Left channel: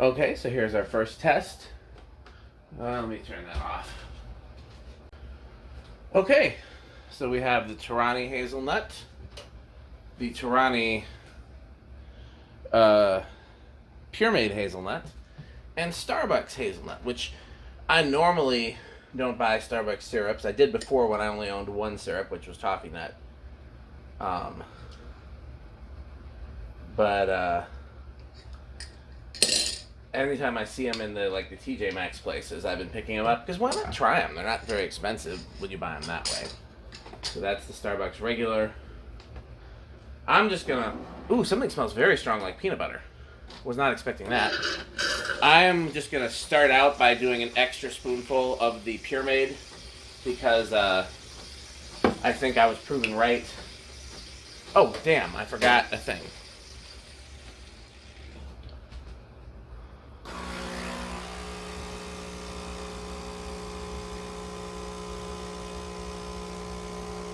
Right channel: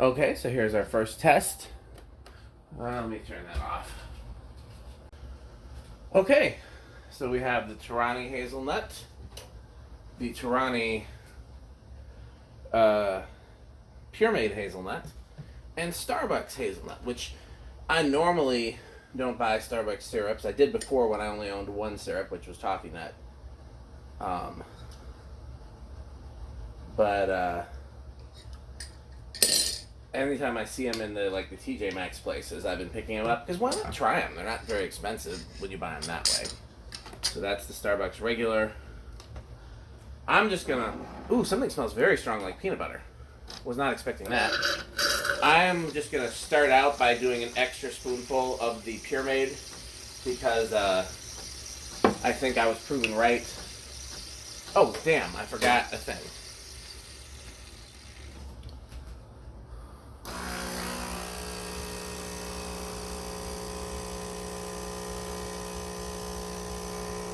Okay, so here's our first test. Let me turn that off. Okay, so we have the Torani hazelnut, the Torani Pure Made hazelnut, and Starbucks hazelnut, which I normally don't buy Starbucks syrups. I did before when I only owned one syrup, which was Toffee Nut. But anytime I see them in the TJ Maxx places, I've been picking them up because why not try them? They're not very expensive when you buy them that way. So that's the Starbucks regular. I'm just gonna. Ooh, something smells very strong like peanut butter. Was not expecting that. I'm just gonna start out by doing an extra spoonful of the Pure Made because I think I was proven right. Oh damn! I forgot a thing.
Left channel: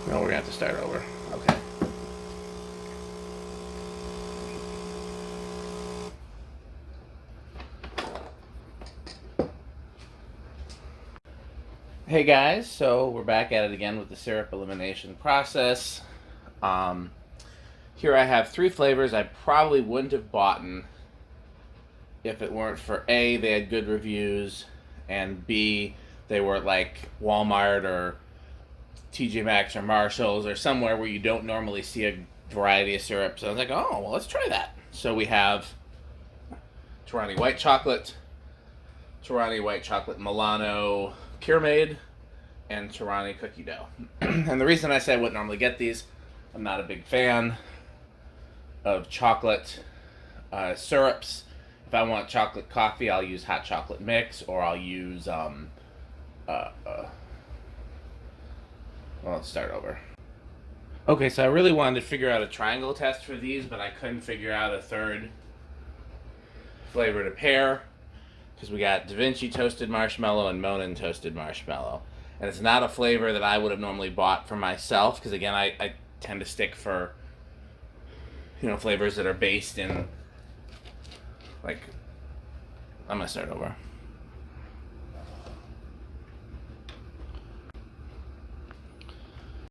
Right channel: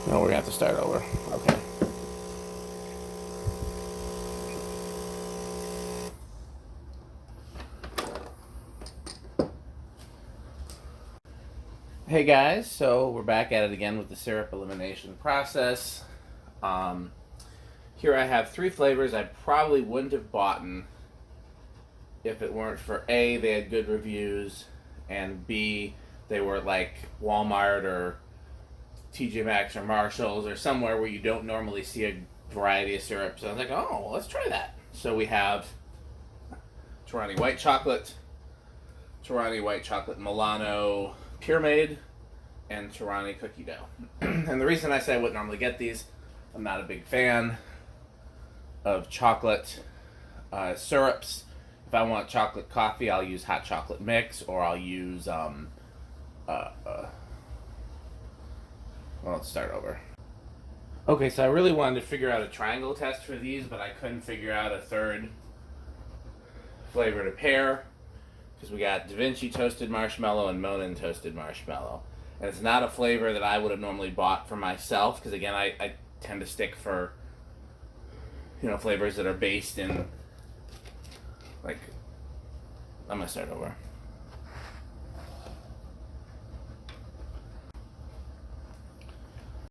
No, we're gonna have to start over. Okay. Hey guys, so we're back at it again with the syrup elimination process. Here I have 3 flavors I probably wouldn't have bought if it weren't for A, they had good reviews, and B, they were like Walmart or TJ Maxx or Marshalls or somewhere where you don't normally see a variety of syrups. So I was like, oh, well, let's try that. So we have Torani white chocolate, Torani white chocolate Milano Pure Made, and Torani cookie dough. And the reason I say I wouldn't normally get these, I'm not a big fan of chocolate syrups. If I want chocolate coffee, I'll use hot chocolate mix, or I'll use well, let's start over. Okay, so I really wanted to figure out a triangle test for these, but I couldn't figure out a third flavor to pair because we got DaVinci toasted marshmallow and Monin toasted marshmallow. And it's not a flavor that I would have normally bought for myself because, again, I tend to stick for, flavors that are based in, I'm going to start over.